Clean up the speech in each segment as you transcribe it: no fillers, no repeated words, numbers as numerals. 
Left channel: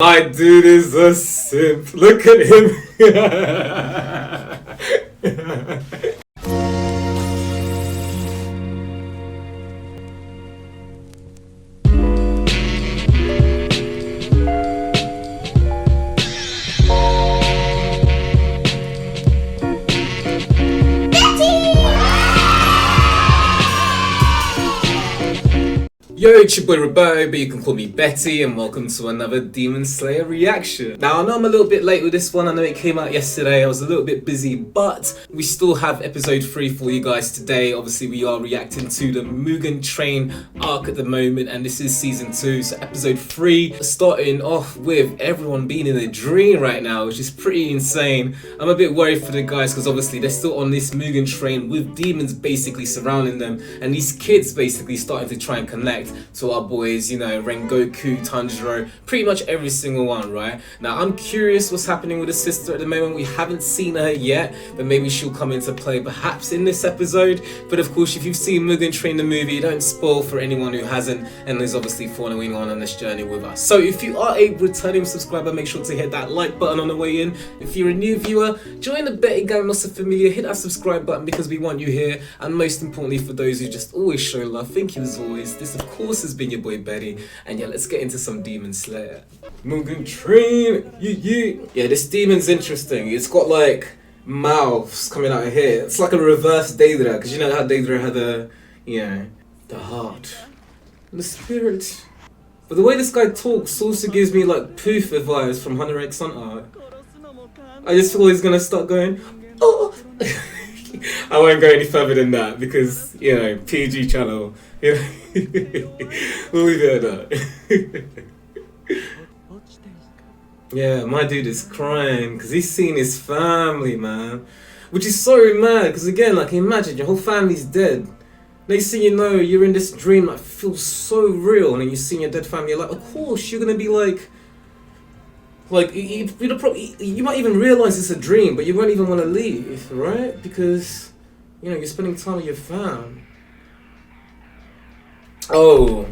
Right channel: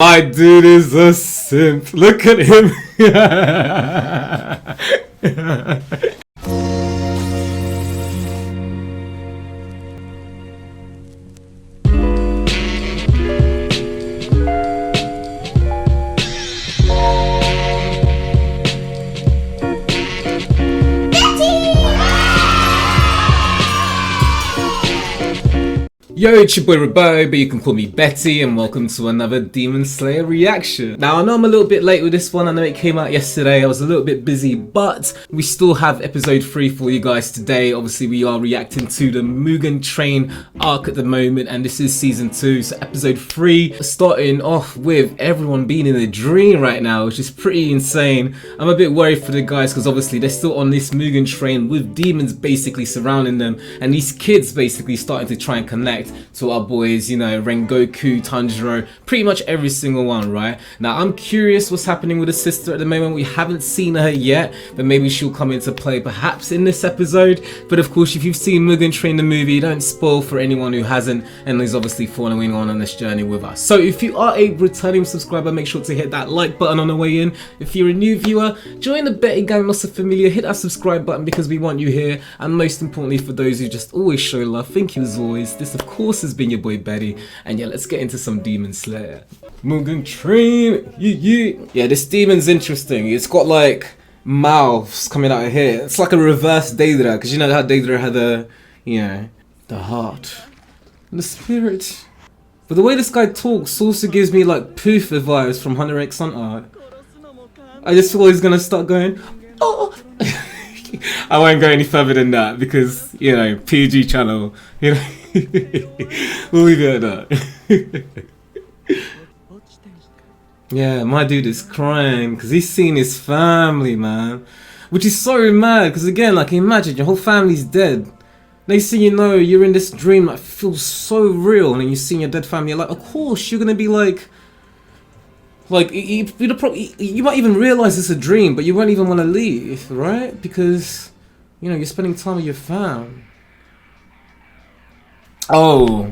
My dude is a simp. Look at him. Yo, it's your boy Rabo, but you can call me Betty, and welcome to another Demon Slayer reaction. Now, I know I'm a little bit late with this one. I know it came out yesterday. I was a little bit busy, but we still have episode 3 for you guys today. Obviously, we are reacting to the Mugen Train arc at the moment, and this is season 2, so episode 3, starting off with everyone being in a dream right now, which is pretty insane. I'm a bit worried for the guys, because obviously they're still on this Mugen Train with demons basically surrounding them, and these kids basically starting to try and connect to our boys, you know, Rengoku, Tanjiro, pretty much every single one, right? Now, I'm curious what's happening with the sister at the moment. We haven't seen her yet, but maybe she'll come into play perhaps in this episode. But of course, if you've seen Mugen Train the movie, don't spoil for anyone who hasn't and is obviously following on this journey with us. So if you are a returning subscriber, make sure to hit that like button on the way in. If you're a new viewer, join the betting gang Nossa Familia, hit that subscribe button because we want you here. And most importantly, for those who just always show love, thank you as always. This of course has been your boy Betty, and yeah, let's get into some Demon Slayer. Mugen Train, yeah, this demon's interesting. It's got like mouths coming out of here. It's like a reverse Daedra, because you know how Daedra had the, you know, the heart and the spirit. But the way this guy talks also gives me like Poofa vibes from Hunter x Hunter. I just feel he's gonna start going, oh. I won't go any further than that because, you know, PG channel, you know. We'll leave it at that. Yeah, my dude is crying because he's seen his family, man. Which is so mad because, again, like, imagine your whole family's dead. Next thing you know, you're in this dream that feels so real, and then you see your dead family, you're like, of course, you're gonna be like, you might even realize it's a dream, but you won't even want to leave, right? Because, you know, you're spending time with your fam. Oh,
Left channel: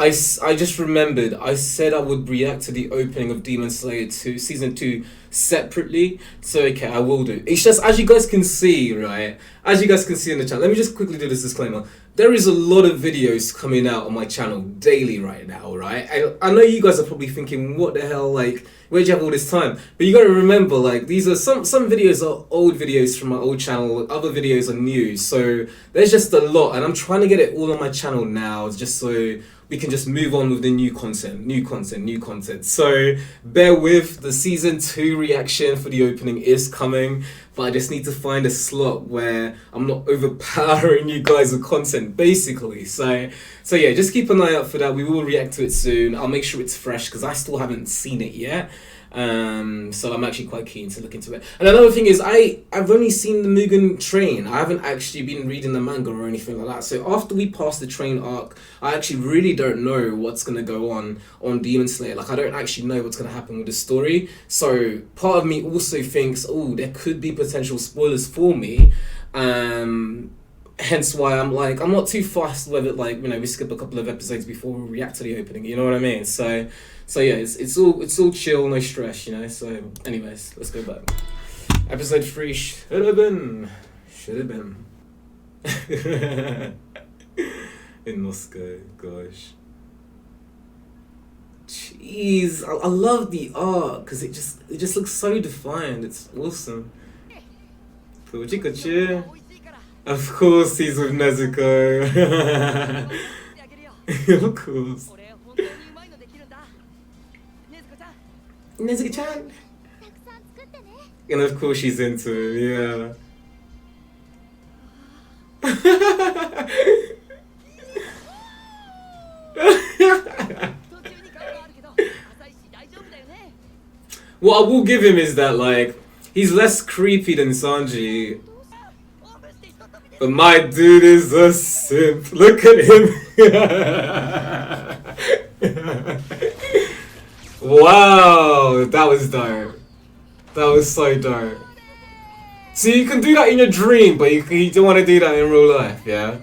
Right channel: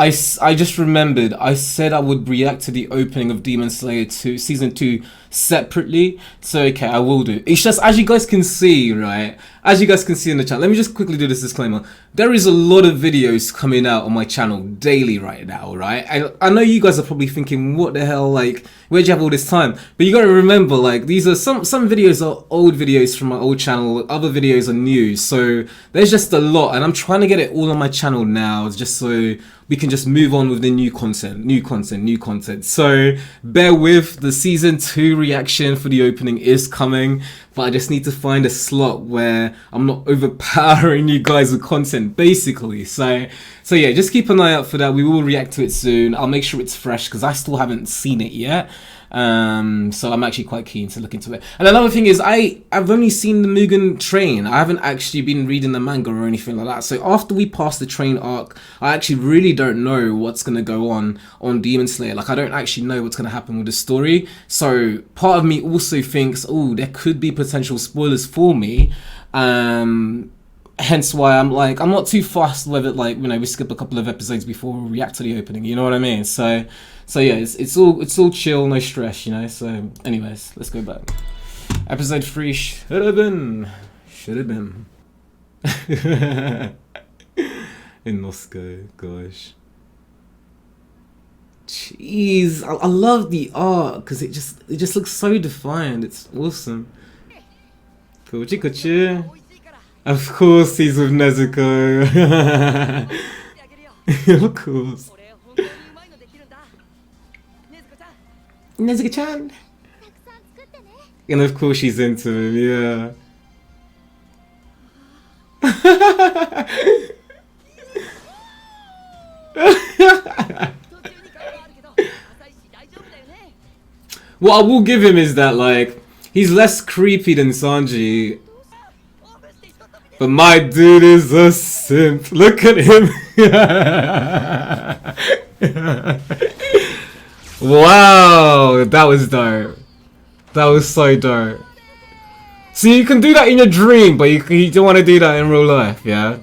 I just remembered. I said I would react to the opening of Demon Slayer 2, Season 2 separately. So, okay, I will do. It's just, as you guys can see, right? As you guys can see in the chat, let me just quickly do this disclaimer. There is a lot of videos coming out on my channel daily right now, right? I know you guys are probably thinking, what the hell, like, where'd you have all this time? But you gotta remember, like, these are some videos are old videos from my old channel, other videos are new, so there's just a lot, and I'm trying to get it all on my channel now, just so we can just move on with the new content. So bear with, the season 2 reaction for the opening is coming, but I just need to find a slot where I'm not overpowering you guys with content, basically. So yeah, just keep an eye out for that. We will react to it soon. I'll make sure it's fresh because I still haven't seen it yet. So I'm actually quite keen to look into it. And another thing is, I've only seen the Mugen Train. I haven't actually been reading the manga or anything like that. So after we pass the train arc, I actually really don't know what's gonna go on Demon Slayer. Like, I don't actually know what's gonna happen with the story. So part of me also thinks, oh, there could be potential spoilers for me. Hence why I'm like, I'm not too fast with it, like, you know, we skip a couple of episodes before we react to the opening, you know what I mean? So yeah, it's all chill, no stress, you know. So anyways, let's go back. Episode 3 should have been. In Moscow, gosh. Jeez, I love the art because it just looks so defined. It's awesome. Kochi. Of course he's with Nezuko. Of course. Nezuko-chan. And of course she's into him, yeah. What I will give him is that, like, he's less creepy than Sanji. But my dude is a simp. Look at him. Wow, that was dope. That was so dope. See, you can do that in your dream, but you don't want to do that in real life, yeah?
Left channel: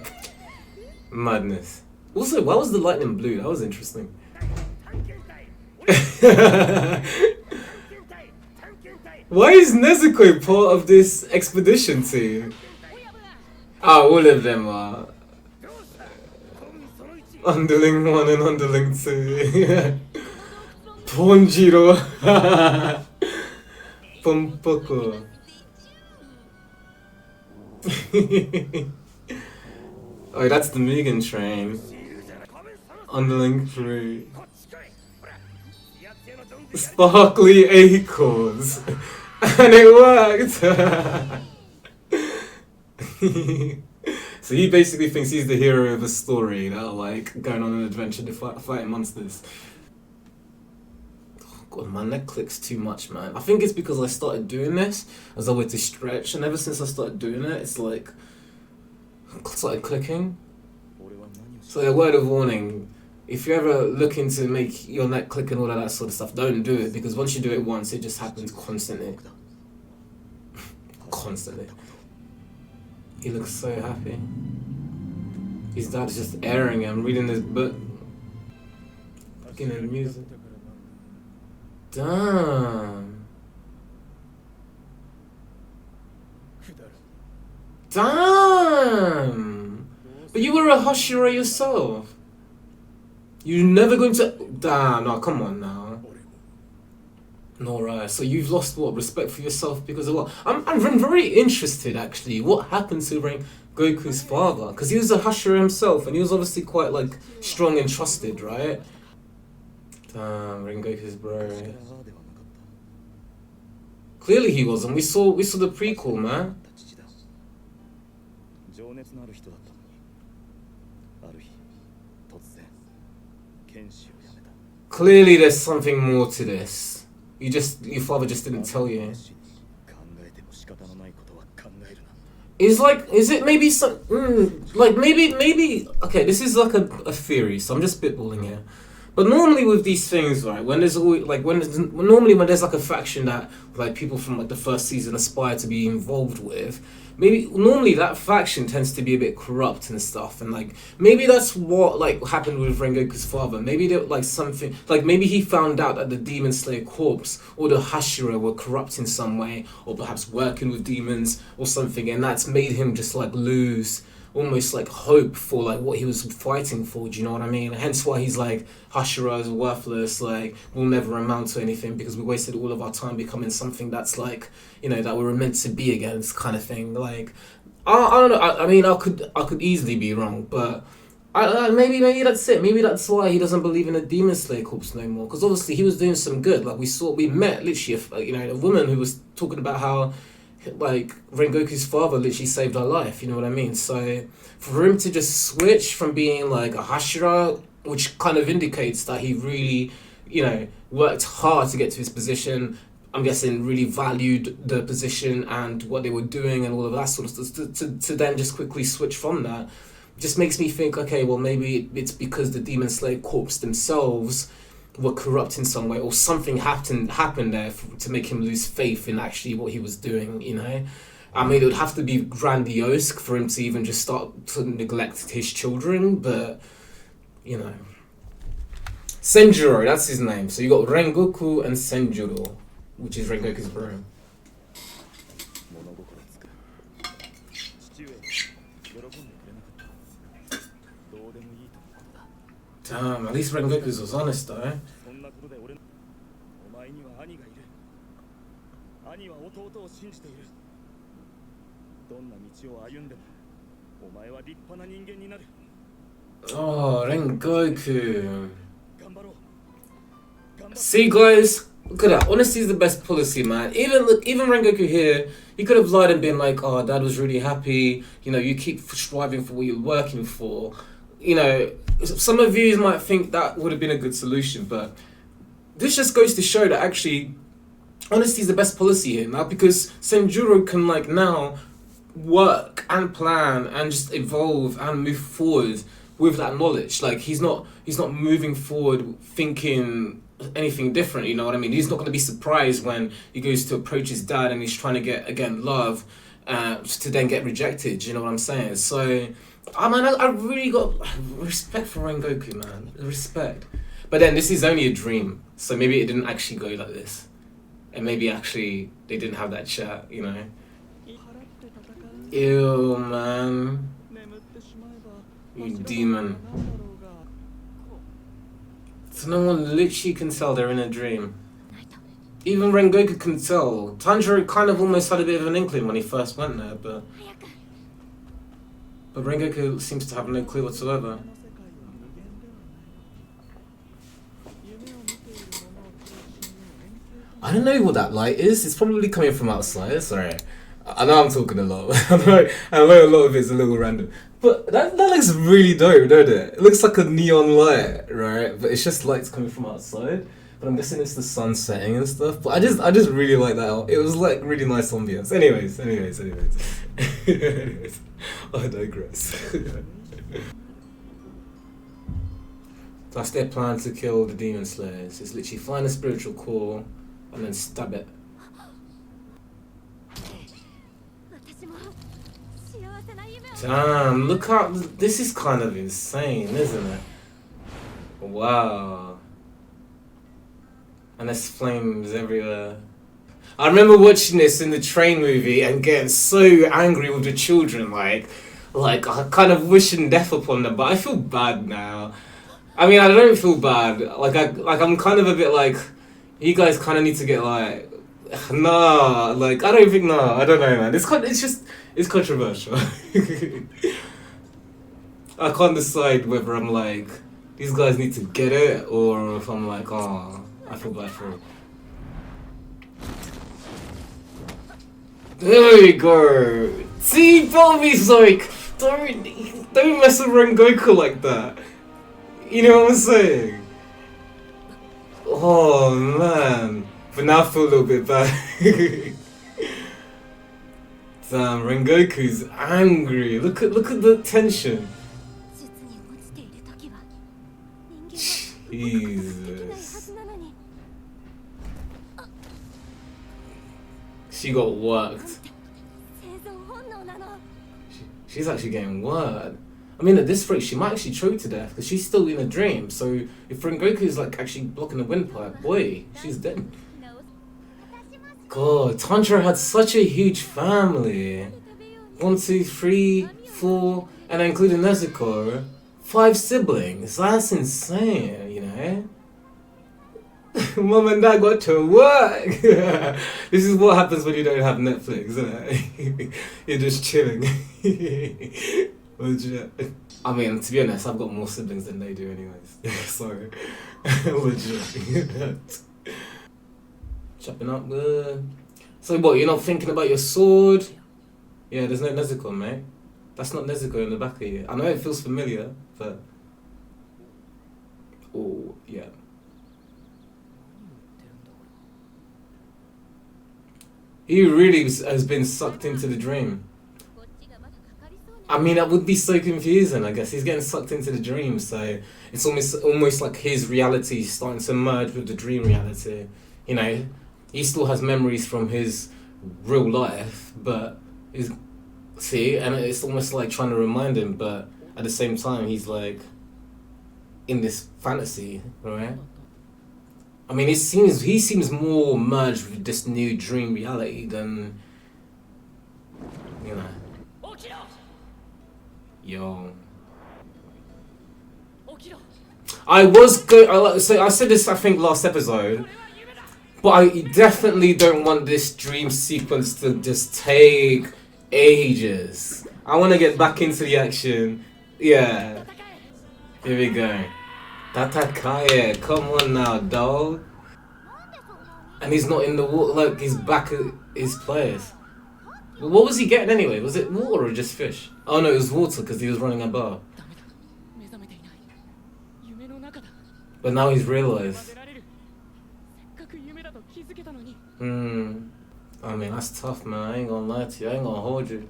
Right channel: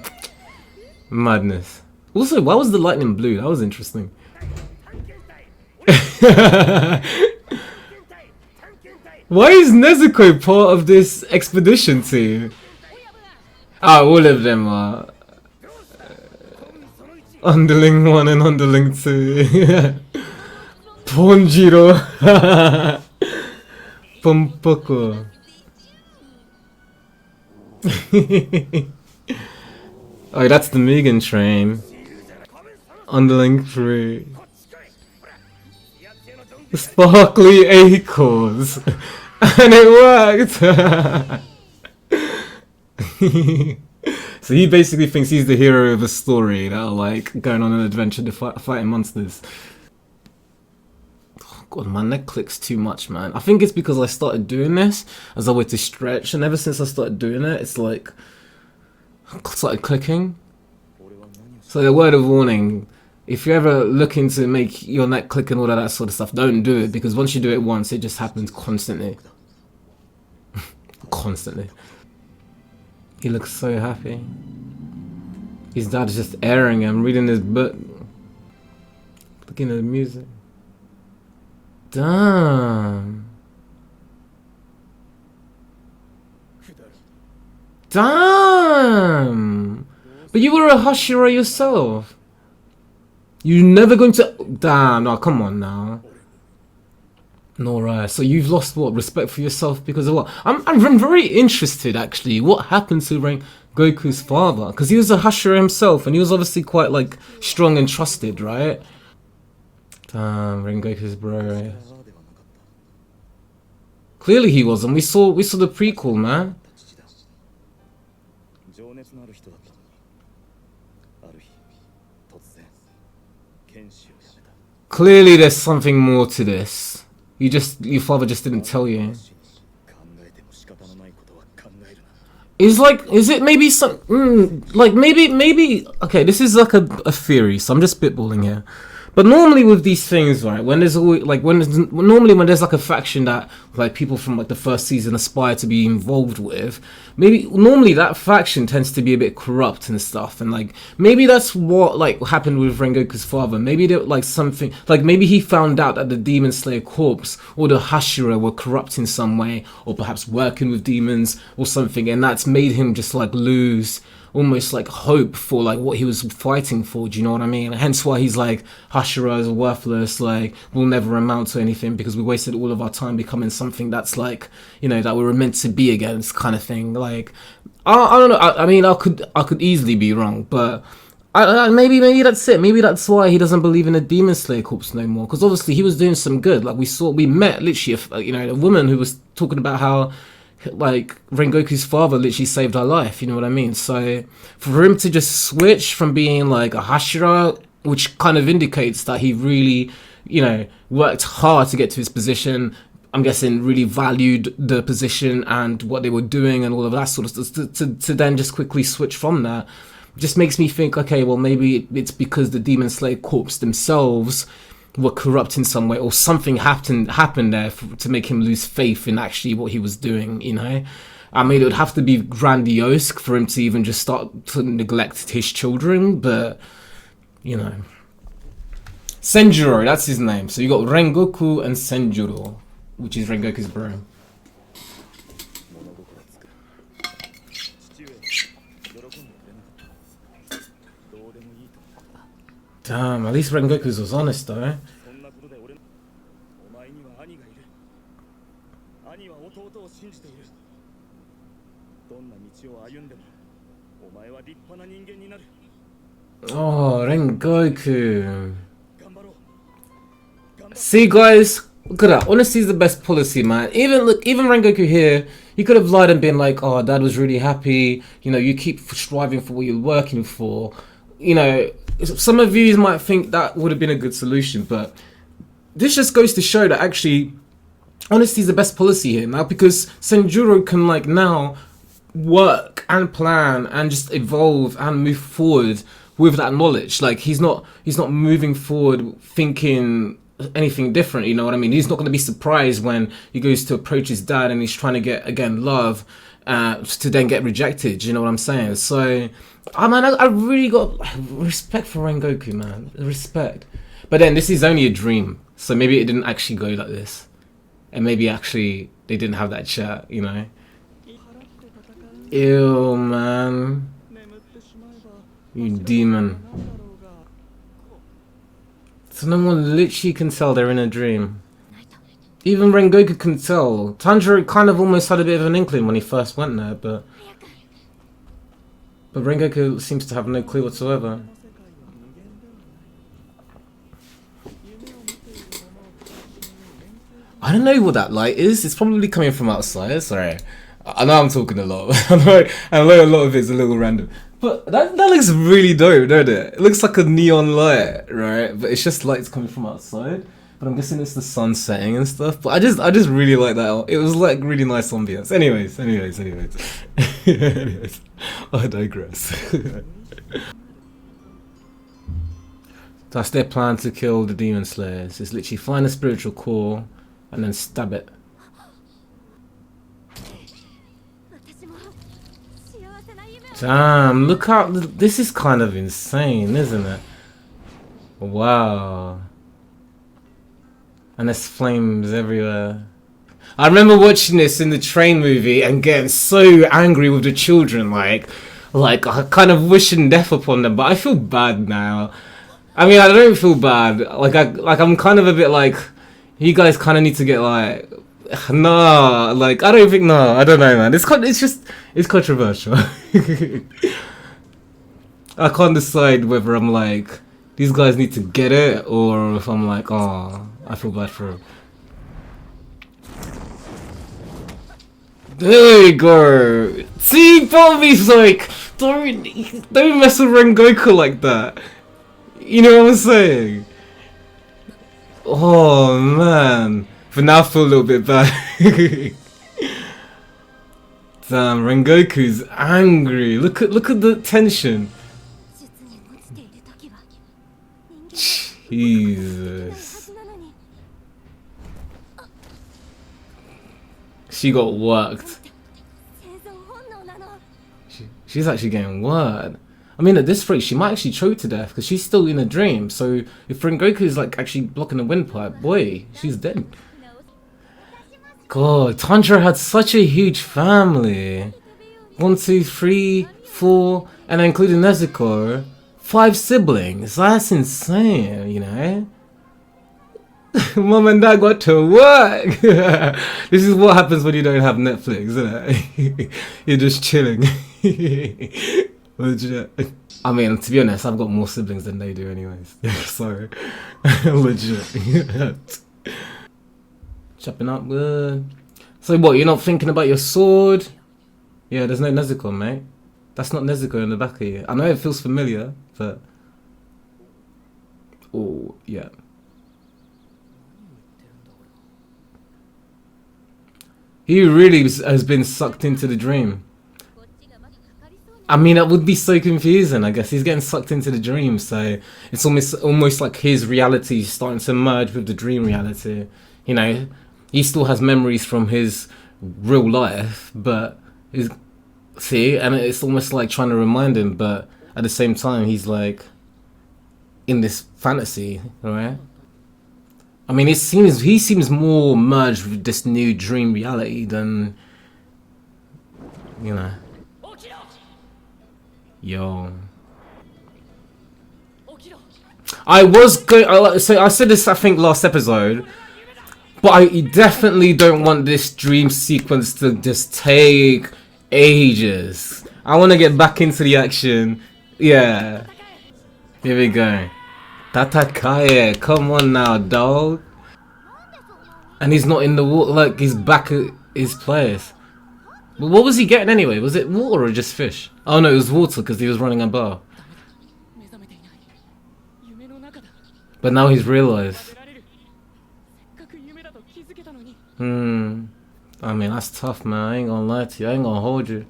Madness. Also, why was the lightning blue? That was interesting. Why is Nezuko part of this expedition team? Ah, all of them are. Underling 1 and Underling 2. Ponjiro. Pompoko. Oh, that's the Mugen train. Underling 3. Sparkly acorns. And it worked! So he basically thinks he's the hero of a story that are like going on an adventure to fighting monsters. Oh God, my neck clicks too much, man. I think it's because I started doing this as a way to stretch, and ever since I started doing it, it's like started clicking. So a word of warning. If you're ever looking to make your neck click and all of that sort of stuff, don't do it, because once you do it once, it just happens constantly. Constantly. He looks so happy. His dad's just airing him, reading his book. Looking at the music. Damn. Damn! But you were a Hashira yourself. You're never going to... Damn, no, come on now. No, right. So you've lost what? Respect for yourself because of what? I'm very interested, actually. What happened to Goku's father? Because he was a Hashira himself, and he was obviously quite, like, strong and trusted, right? Damn, Rengoku's bro. Clearly he wasn't. We saw the prequel, man. Clearly there's something more to this. Your father just didn't tell you. Is it maybe some, maybe, okay, this is like a theory, so I'm just spitballing here. But normally with these things, right, when there's always, like, when there's like a faction that, like, people from, like, the first season aspire to be involved with, normally that faction tends to be a bit corrupt and stuff, and, like, maybe that's what, like, happened with Rengoku's father. Maybe there, like, something, like, maybe he found out that the Demon Slayer Corps or the Hashira were corrupt in some way, or perhaps working with demons or something, and that's made him just, like, lose almost like hope for like what he was fighting for, do you know what I mean? Hence why he's like, Hashira is worthless, like we'll never amount to anything because we wasted all of our time becoming something that's like, you know, that we were meant to be against, kind of thing. Like I don't know, I mean I could easily be wrong, but maybe that's it. Maybe that's why he doesn't believe in the Demon Slayer Corps no more, because obviously he was doing some good. Like we met literally a woman who was talking about how like Rengoku's father literally saved her life, you know what I mean? So for him to just switch from being like a Hashira, which kind of indicates that he really, you know, worked hard to get to his position, I'm guessing really valued the position and what they were doing and all of that sort of stuff, to then just quickly switch from that just makes me think, okay, well maybe it's because the Demon Slayer Corps themselves were corrupt in some way, or something happened there to make him lose faith in actually what he was doing, you know? I mean, it would have to be grandiose for him to even just start to neglect his children, but, you know. Senjuro, that's his name. So you got Rengoku and Senjuro, which is Rengoku's bro. Damn, at least Rengoku's was honest though. Oh, Rengoku. See guys, look at that. Honesty is the best policy, man. Even Rengoku here, he could have lied and been like, oh, dad was really happy. You know, you keep striving for what you're working for. You know, some of you might think that would have been a good solution, but this just goes to show that actually honesty is the best policy here now, because Senjuro can like now work and plan and just evolve and move forward with that knowledge. Like he's not moving forward thinking anything different, you know what I mean? He's not going to be surprised when he goes to approach his dad and he's trying to get, again, love to then get rejected, you know what I'm saying? So I really got respect for Rengoku, man. Respect. But then this is only a dream. So maybe it didn't actually go like this. And maybe actually they didn't have that chat, you know? Ew, man. You demon. So no one literally can tell they're in a dream. Even Rengoku can tell. Tanjiro kind of almost had a bit of an inkling when he first went there, but Rengoku seems to have no clue whatsoever. I don't know what that light is. It's probably coming from outside. Sorry. I know I'm talking a lot. I know a lot of it's a little random. But that looks really dope, doesn't it? It looks like a neon light, right? But it's just lights coming from outside. But I'm guessing it's the sun setting and stuff. But I just really like that. It was like really nice ambience. Anyways. Anyways. I digress. That's their plan to kill the demon slayers. It's literally find a spiritual core and then stab it. Damn, look how this is kind of insane, isn't it? Wow. And there's flames everywhere. I remember watching this in the train movie and getting so angry with the children, like I kind of wishing death upon them, but I feel bad now. I mean, I don't feel bad. I'm kind of a bit like, you guys kind of need to get like, nah, like I don't think, no, I don't know, man. It's controversial. I can't decide whether I'm like, these guys need to get it, or if I'm like, oh, I feel bad for it. There we go. See, Bobby's like, don't mess with Rengoku like that. You know what I'm saying? Oh man. But now I feel a little bit bad. Damn, Rengoku's angry. Look at the tension. Jesus. She got worked. She's actually getting worked. I mean, at this rate, she might actually choke to death because she's still in a dream. So if Rengoku is like actually blocking the windpipe, boy, she's dead. God, Tanjiro had such a huge family. 1, 2, 3, 4, and including Nezuko, 5 siblings. That's insane, you know. Mom and Dad got to work. This is what happens when you don't have Netflix, isn't it? You're just chilling. Legit. I mean, to be honest, I've got more siblings than they do anyways. So, legit. Chopping up good. So what, you're not thinking about your sword? Yeah, there's no Nezuko, mate. That's not Nezuko in the back of you. I know it feels familiar, but... Oh, yeah. He really has been sucked into the dream. I mean, that would be so confusing, I guess. He's getting sucked into the dream, so it's almost like his reality is starting to merge with the dream reality. You know, he still has memories from his real life, but see, and it's almost like trying to remind him, but at the same time, he's like in this fantasy, right? I mean, he seems more merged with this new dream reality than, you know. Yo. I said this, I think, last episode, but I definitely don't want this dream sequence to just take ages. I want to get back into the action. Yeah. Here we go. Tatakaye, come on now, dog. And he's not in the water, like he's back at his place. But what was he getting anyway? Was it water or just fish? Oh no, it was water because he was running a bar. But now he's realised. I mean, that's tough, man. I ain't gonna lie to you. I ain't gonna hold you.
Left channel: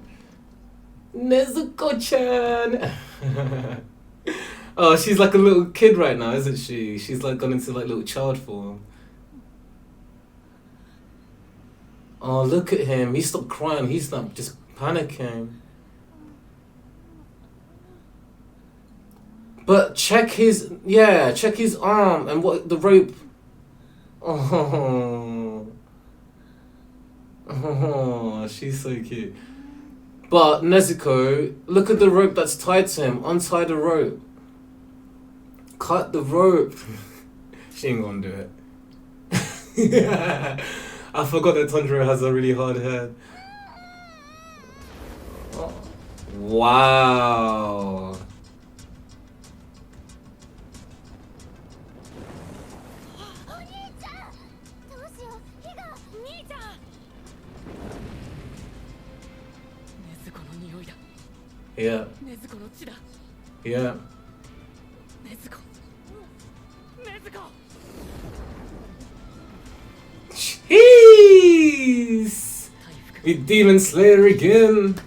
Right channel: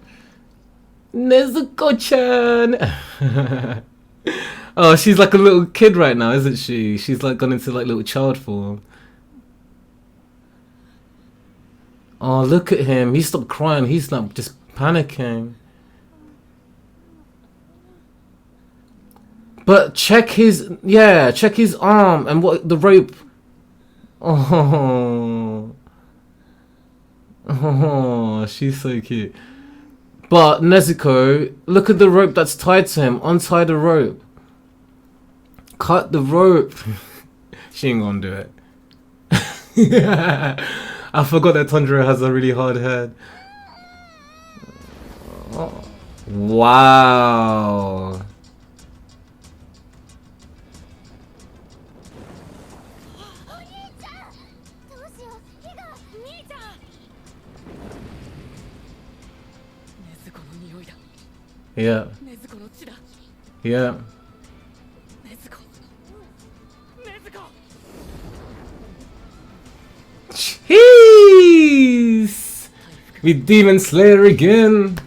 Nezuko-chan! Oh, she's like a little kid right now, isn't she? She's like gone into like little child form. Oh, look at him. He stopped crying. He's not just panicking. But check his arm and what the rope. Oh, oh, she's so cute. But Nezuko, look at the rope that's tied to him. Untie the rope. Cut the rope. She ain't gonna do it. I forgot that Tanjiro has a really hard head. Oh. Wow. Yeah. Yeah. Jeez! With Demon Slayer again.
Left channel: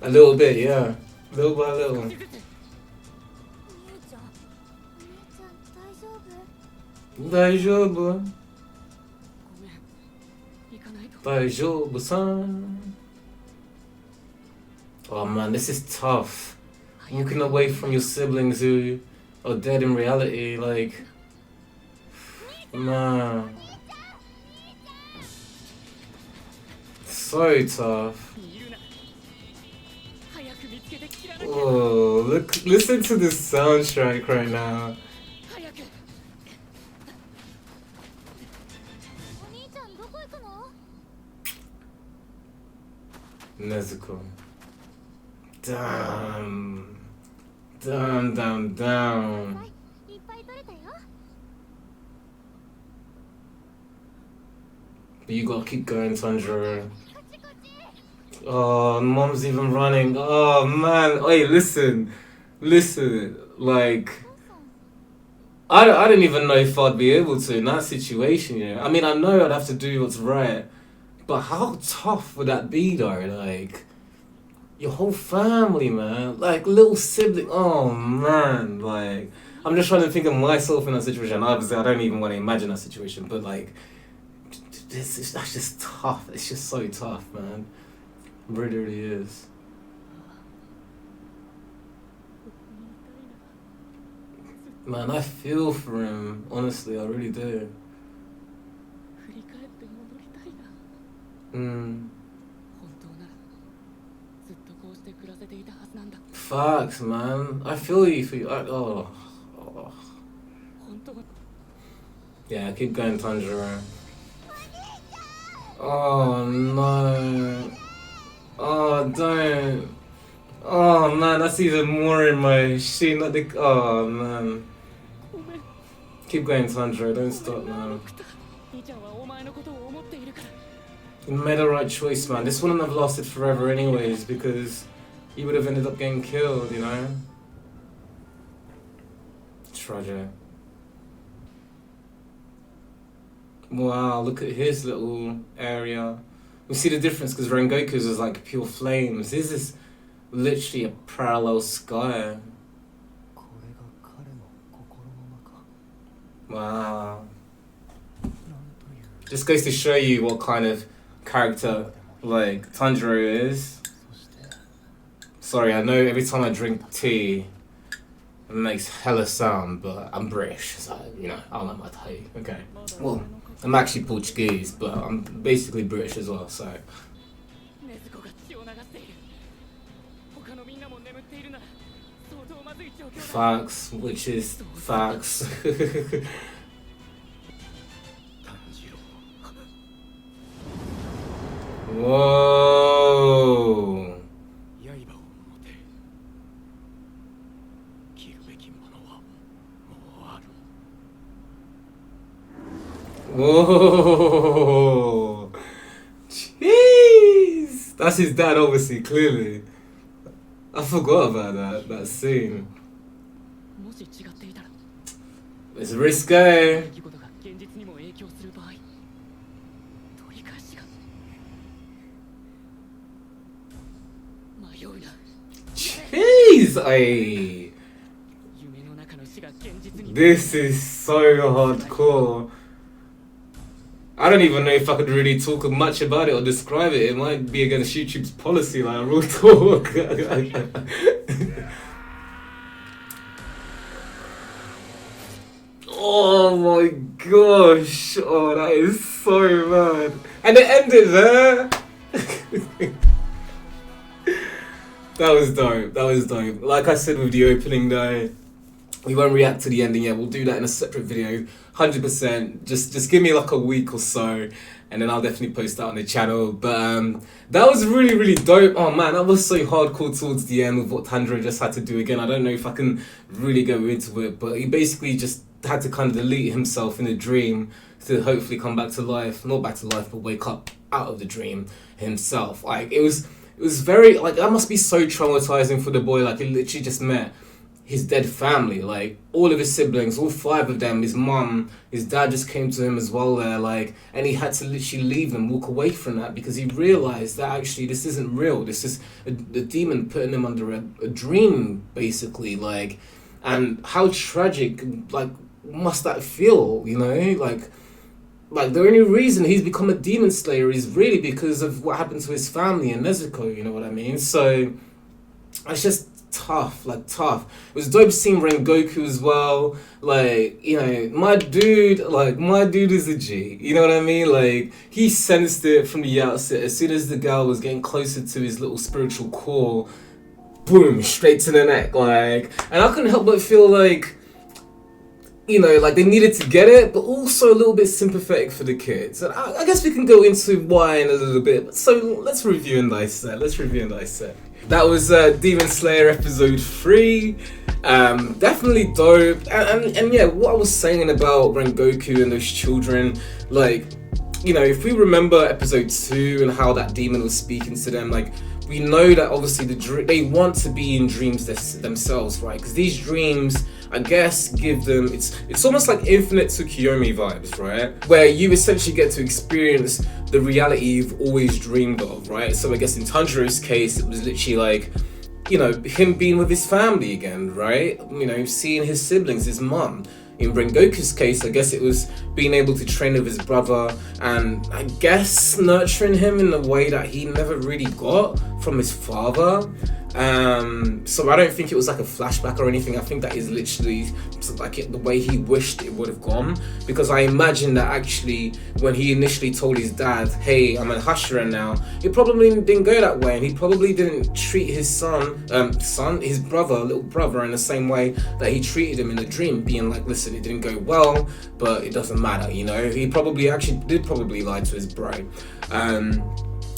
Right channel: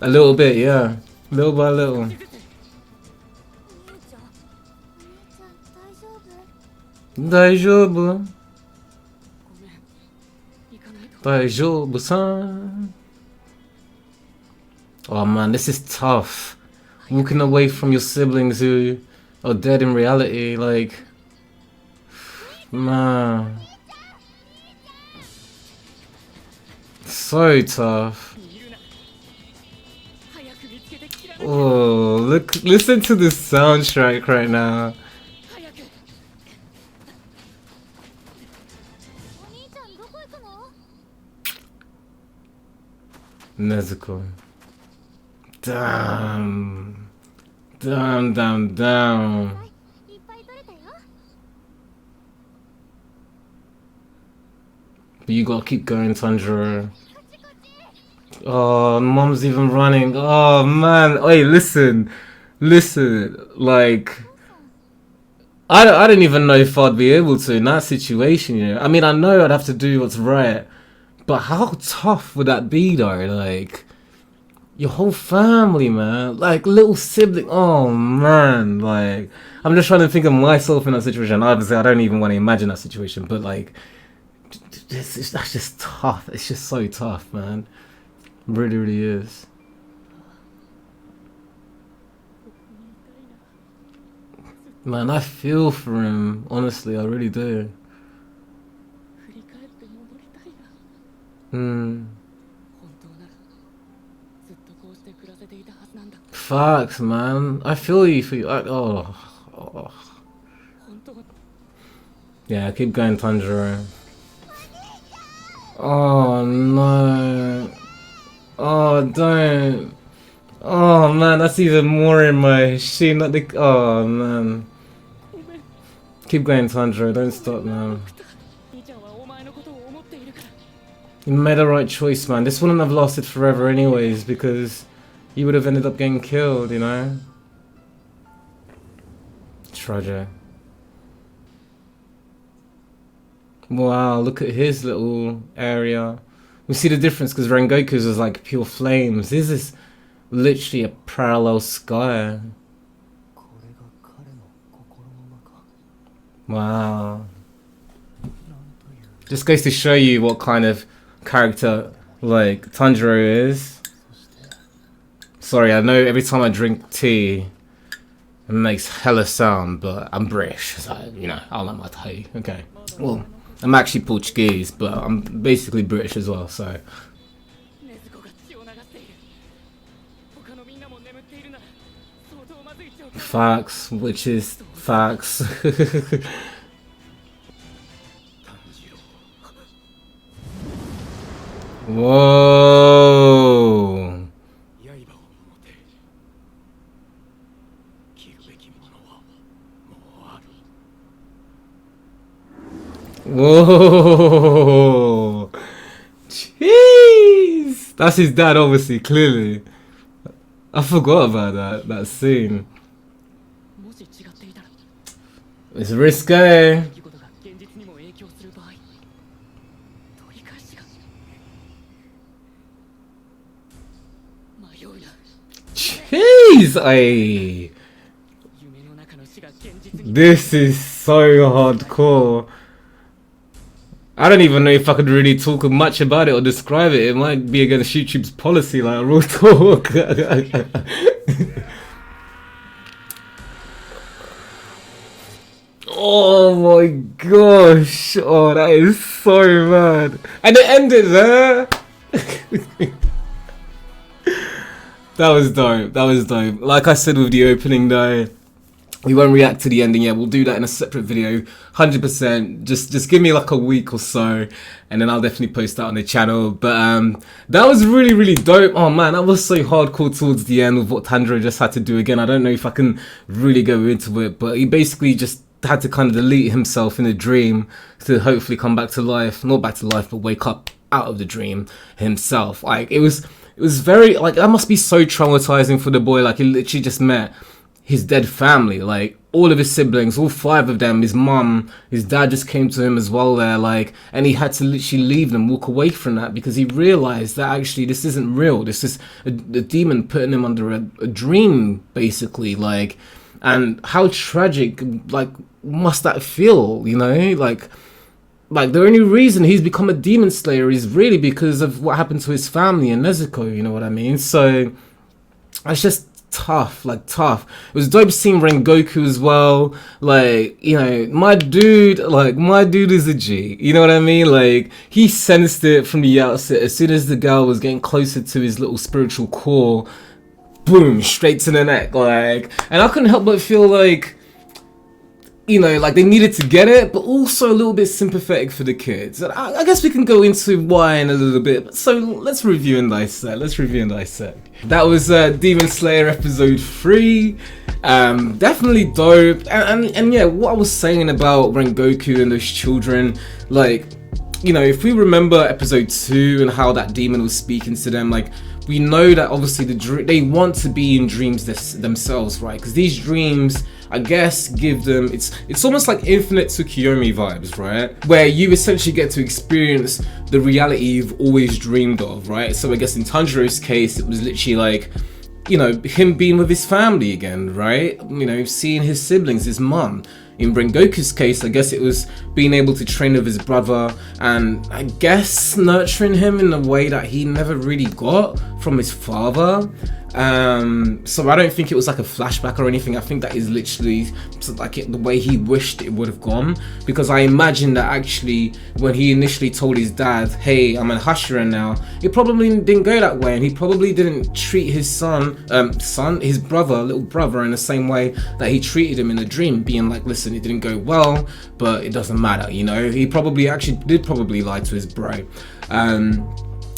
A little bit, yeah. Little by little. Daijoubu. Daijoubu-san. Oh man, this is tough. Walking away from your siblings who are dead in reality, like... Man. So tough. Oh, look, listen to the soundtrack right now. Nezuko. Damn. Damn, damn, damn. You gotta keep going, Tanjiro. Oh, mom's even running. Oh man. Wait, listen. Listen. Like, I don't even know if I'd be able to in that situation, you know. I mean, I know I'd have to do what's right. But how tough would that be, though? Like, your whole family, man. Like, little sibling. Oh, man. Like, I'm just trying to think of myself in that situation. Obviously, I don't even want to imagine that situation. But, like, that's just tough. It's just so tough, man. It really, really is. Man, I feel for him. Honestly, I really do. Facts, man. I feel you for you. Oh. Yeah, keep going, Tanjiro. Oh no. Oh, don't. Oh man, that's even more in my shit. Not the. Oh man. Keep going, Tanjiro. Don't stop now. You made the right choice, man. This wouldn't have lasted forever anyways, because you would have ended up getting killed, you know? Tragic. Wow, look at his little area. We see the difference because Rengoku's is like pure flames. This is literally a parallel sky. Wow. Just goes to show you what kind of character like Tanjiro is. Sorry, I know every time I drink tea it makes hella sound, but I'm British, so you know, I like my tea. Okay. Well, I'm actually Portuguese, but I'm basically British as well, so. Facts, which is facts. Whoa. Whoa. Jeez. That's his dad, obviously, clearly. I forgot about that scene. It's risque. Jeez, this is so hardcore. I don't even know if I could really talk much about it or describe it. It might be against YouTube's policy, like real talk. Oh my gosh. Oh, that is so mad. And it ended there. That was dope. That was dope. Like I said with the opening though, we won't react to the ending yet. We'll do that in a separate video, 100%. Just give me like a week or so, and then I'll definitely post that on the channel. But that was really, really dope. Oh man, that was so hardcore towards the end with what Tanjiro just had to do again. I don't know if I can really go into it, but he basically just had to kind of delete himself in a dream to hopefully come back to life. Not back to life, but wake up out of the dream himself. Like it was very, like, that must be so traumatizing for the boy. Like he literally just met his dead family, like all of his siblings, all 5 of them, his mum, his dad just came to him as well there, like, and he had to literally leave them, walk away from that, because he realized that actually this isn't real. This is a demon putting him under a dream, basically, like, and how tragic, like, must that feel, you know, like the only reason he's become a demon slayer is really because of what happened to his family in Nezuko, you know what I mean? So it's just tough, like tough. It was dope seeing Rengoku as well. Like, you know, my dude is a G. You know what I mean? Like, he sensed it from the outset. As soon as the girl was getting closer to his little spiritual core, boom, straight to the neck. Like, and I couldn't help but feel like, you know, like they needed to get it, but also a little bit sympathetic for the kids. And I guess we can go into why in a little bit. So let's review and dissect. That was Demon Slayer episode 3. Definitely dope. And yeah, what I was saying about Rengoku and those children, like, you know, if we remember episode 2 and how that demon was speaking to them, like, we know that obviously they want to be in dreams themselves, right? Because these dreams, I guess, give them, it's almost like Infinite Tsukiyomi vibes, right? Where you essentially get to experience the reality you've always dreamed of, right? So I guess in Tanjiro's case, it was literally like, you know, him being with his family again, right? You know, seeing his siblings, his mum. In Rengoku's case, I guess it was being able to train with his brother and I guess nurturing him in a way that he never really got from his father. So I don't think it was like a flashback or anything. I think that is literally like the way he wished it would have gone, because I imagine that actually when he initially told his dad, hey, I'm a Hashira now, it probably didn't go that way, and he probably didn't treat his his little brother in the same way that he treated him in the dream, being like, listen, it didn't go well, but it doesn't matter, you know. He probably did lie to his bro.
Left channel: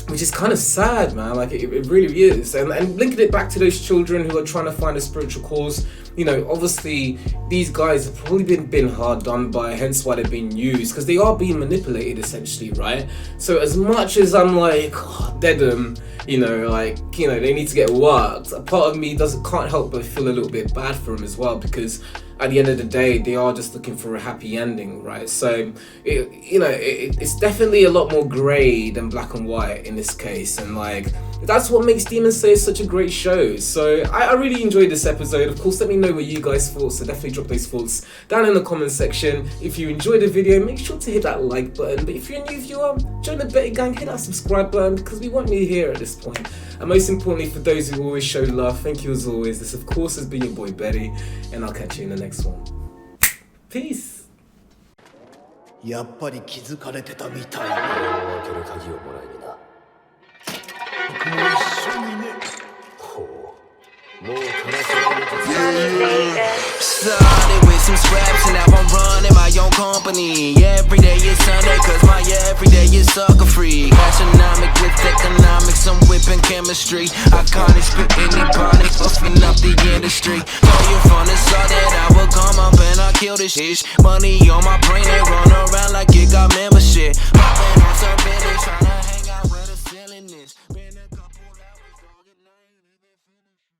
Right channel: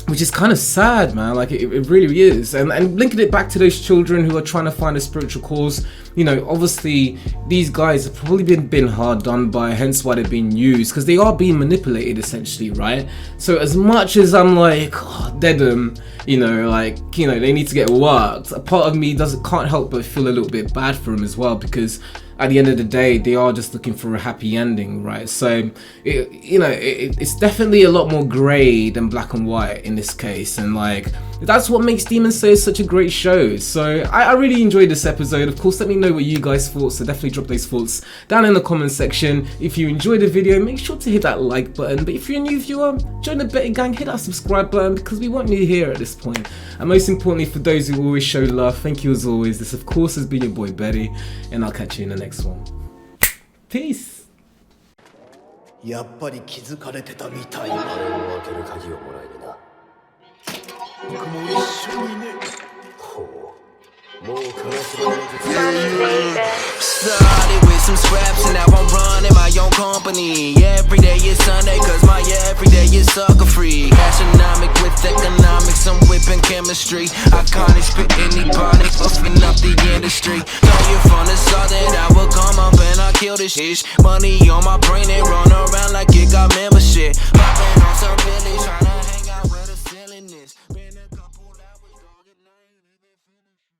Which is kind of sad, man. Like it really is. And linking it back to those children who are trying to find a spiritual cause, you know, obviously these guys have probably been hard done by, hence why they're being used, because they are being manipulated essentially, right? So as much as I'm like, oh, dead them, you know, like, you know, they need to get worked, a part of me can't help but feel a little bit bad for them as well, because at the end of the day, they are just looking for a happy ending, right? So, it's definitely a lot more grey than black and white in this case, and like, that's what makes Demon Slayer such a great show. So, I really enjoyed this episode. Of course, let me know what you guys thought, so definitely drop those thoughts down in the comment section. If you enjoyed the video, make sure to hit that like button, but if you're a new viewer, join the Betty Gang, hit that subscribe button, because we want you here at this point. And most importantly, for those who always show love, thank you as always. This, of course, has been your boy Betty, and I'll catch you in the next one. Peace. やっぱり気づかれてたみたいな。開ける鍵をもらいにな。僕も一緒にね。ほう。もう悲しみの Started with some scraps and now I'm running my own company. Every day is Sunday cause my everyday is sucker free. Astronomic with economics, I'm whipping chemistry. Iconic, spit anybody, fucking up the industry. Know you from the south that I will come up and I kill this shit. Money on my brain and run around like it got membership.